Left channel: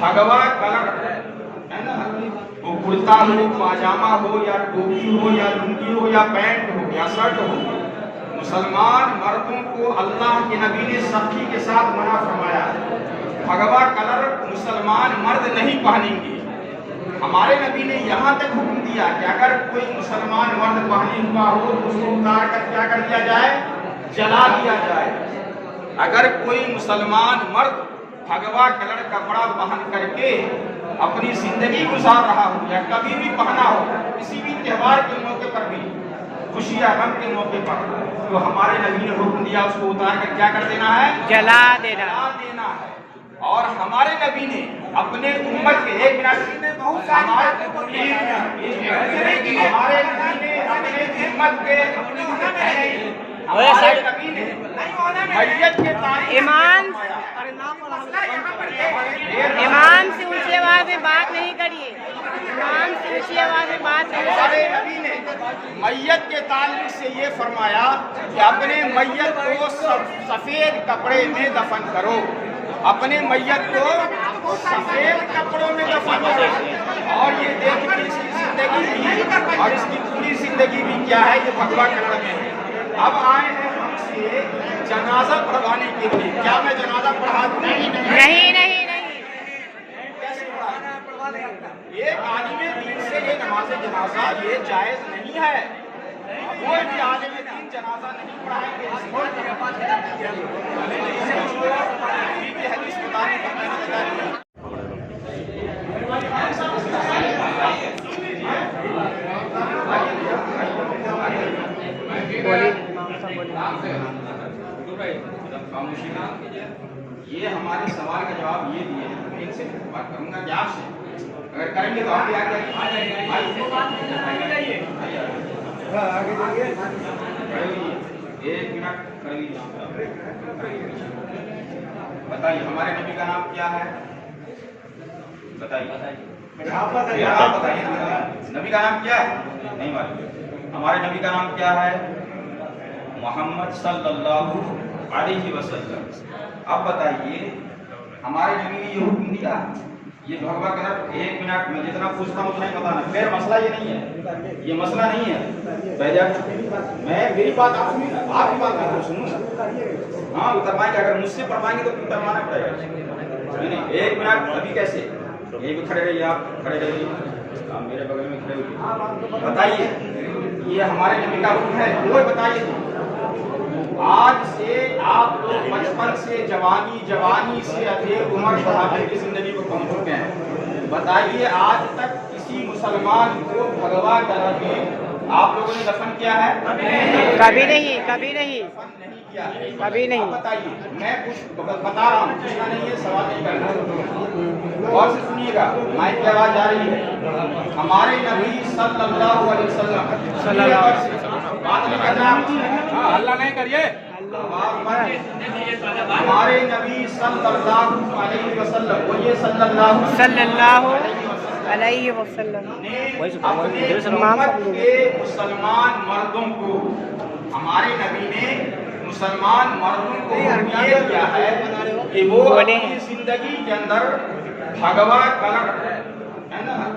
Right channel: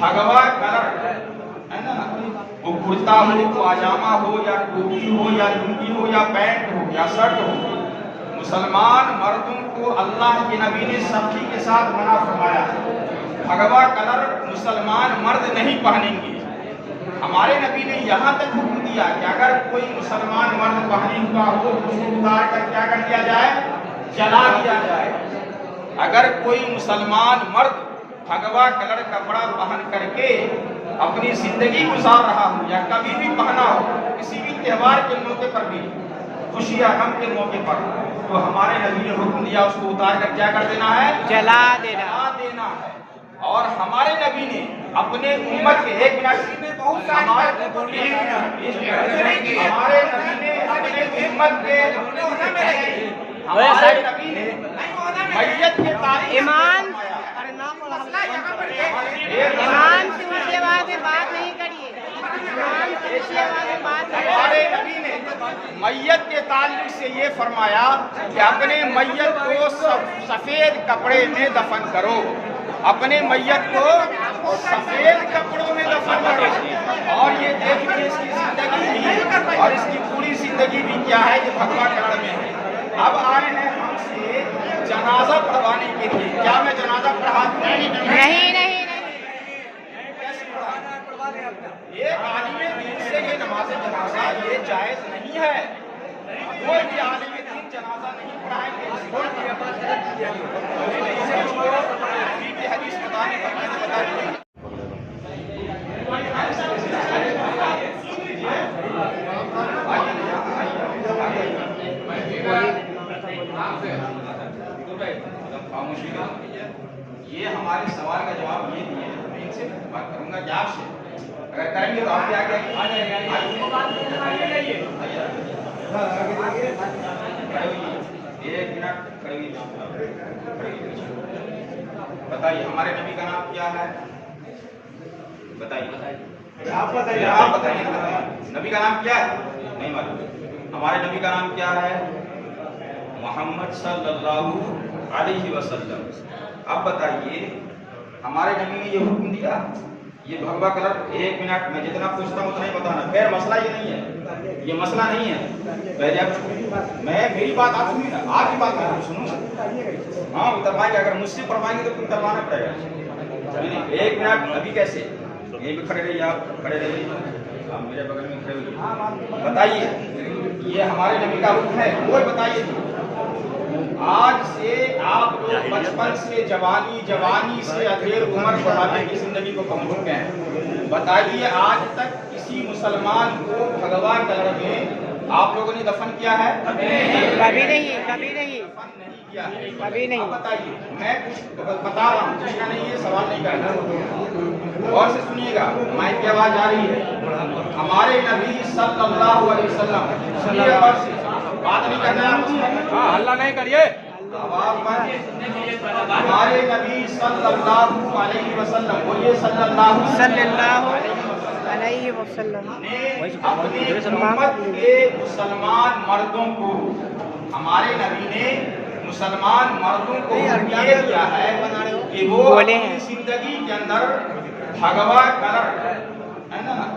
بھگوا colour ہے نا، وہ کرتا ہو، پاجامہ ہو یا ٹوپی ہو یا لنگی ہو یا پینٹ ہو یا شرٹ ہو، مسلمان مردوں کو اللہ کے نبی نے سختی کے ساتھ منع فرمایا ہے۔ بھگوا کلر مسلمان مرد نہیں پہنیں گے۔ ہمارے نبی نے یہاں تک حکم دیا کہ اگر کوئی مسلمان مرد پہنے ہوا ہو تو اس کو اتار کر کیا کر دیا جائے، جلا دیا جائے۔ اگر کوئی مسلمان مرد بھگوا کلر کپڑا پہن کر کے اپنی زندگی گزار رہا ہو یا کبھی بھی پہنا ہو، کسی بھی تہوار کے موقع پر بھی، خوشی یا غم کے موقع پر، تو ہمارے نبی نے حکم دیا اس کو اتار کر کیا کر دینا ہے، جلا دینا ہے۔ اور ہمارے نبی نے اپنے امت کے ایک منٹ میں بہت ہمارے نبی نے اپنے امت کے میت کے ایمان سے اونچی آواز میں بات نہیں کریے، ایمان سے اونچی آواز میں بات نہیں کریے۔ ہمارے نبی نے میت کے تعلق سے یہ فرمایا کہ اپنے میت کو سفید کپڑے میں دفن کرو، اپنے میت کو سفید کپڑوں میں دفن کرو۔ اور یہ دیکھیں اس کی زندگی بھی اور اس کی پوری زندگی بھی کیا ہے، یہ بھگوا کلر میں ہے۔ اب آئے ہیں ہم سے جنازہ پڑھوانے کے لیے۔ کیا میں جنازہ پڑھا دوں؟ نہیں۔ ایک عالم دین سے یہ نماز جنازہ یہ جائز نہیں ہے۔ کوئی بھی عالم دین جنازہ نہیں پڑھائیں گے۔ حدیث بتانے کا میں نے بتا دیا۔ یہ ہمارے سوال کا جواب یہ دیا ہے، میں ایک سے بات کروں گا کہ آپ سے اگر کریں گے تو آپ ایک منٹ بتائیے ہمارے نبی کا نام کیا ہے؟ بتائیے آپ بتائیے نبی کا نام کیا ہے؟ نہیں معلوم۔ ہمارے نبی کا نام کیا ہے؟ محمد صلی اللہ علیہ وسلم۔ اب بتائیے ہمارے نبی نے یہ حکم دیا، یہ بھگوا کلر، ایک منٹ میں جتنا پوچھتا ہوں اتنا ہی بتانا، خیر مسئلہ یہ نہیں ہے، یہ مسئلہ نہیں ہے۔ پہلے آپ میں میری بات آپ سنیے نا، آپ کی بات میں سنوں نا۔ ہاں اتروائیں گے، اگر مجھ سے پڑھوائیں گے تو اتروانا پڑے گا۔ ایک منٹ ابھی کیسے، یہیں پہ کھڑے رہیے، آپ کھڑے رہیے، آپ میرے بغل میں کھڑے ہوئے۔ بتائیے یہ ہمارے نبی کا حکم ہے، کوئی بتائیے آج سے آپ لوگ بچپن سے جوانی سے ادھیر عمر بڑھاپے کی زندگی کو پہنچ چکے ہیں۔ بتائیے آج تک کسی مسلمان کو بھگوا کلر میں آپ لوگوں نے دفن کیا ہے؟ کبھی نہیں دفن نہیں کیا ہے، کبھی نہیں۔ بتائیے میں کچھ بتا رہا ہوں، پوچھنا نہیں ہے، سوال نہیں کرنا، اور سے سنیے گا، مائک کی آواز جا رہی ہے۔ ہمارے نبی صلی اللہ علیہ وسلم اللہ نہیں کریے، ہمارے نبی صلی اللہ علیہ وسلم، بولیے صلی اللہ علیہ وسلم اپنے امت کے مسلمان مردوں کو، ہمارے نبی نے مسلمان مردوں کو یہ کیا ہے کہ وہ اپنی زندگی کے اندر بھگوا کلر ہے نا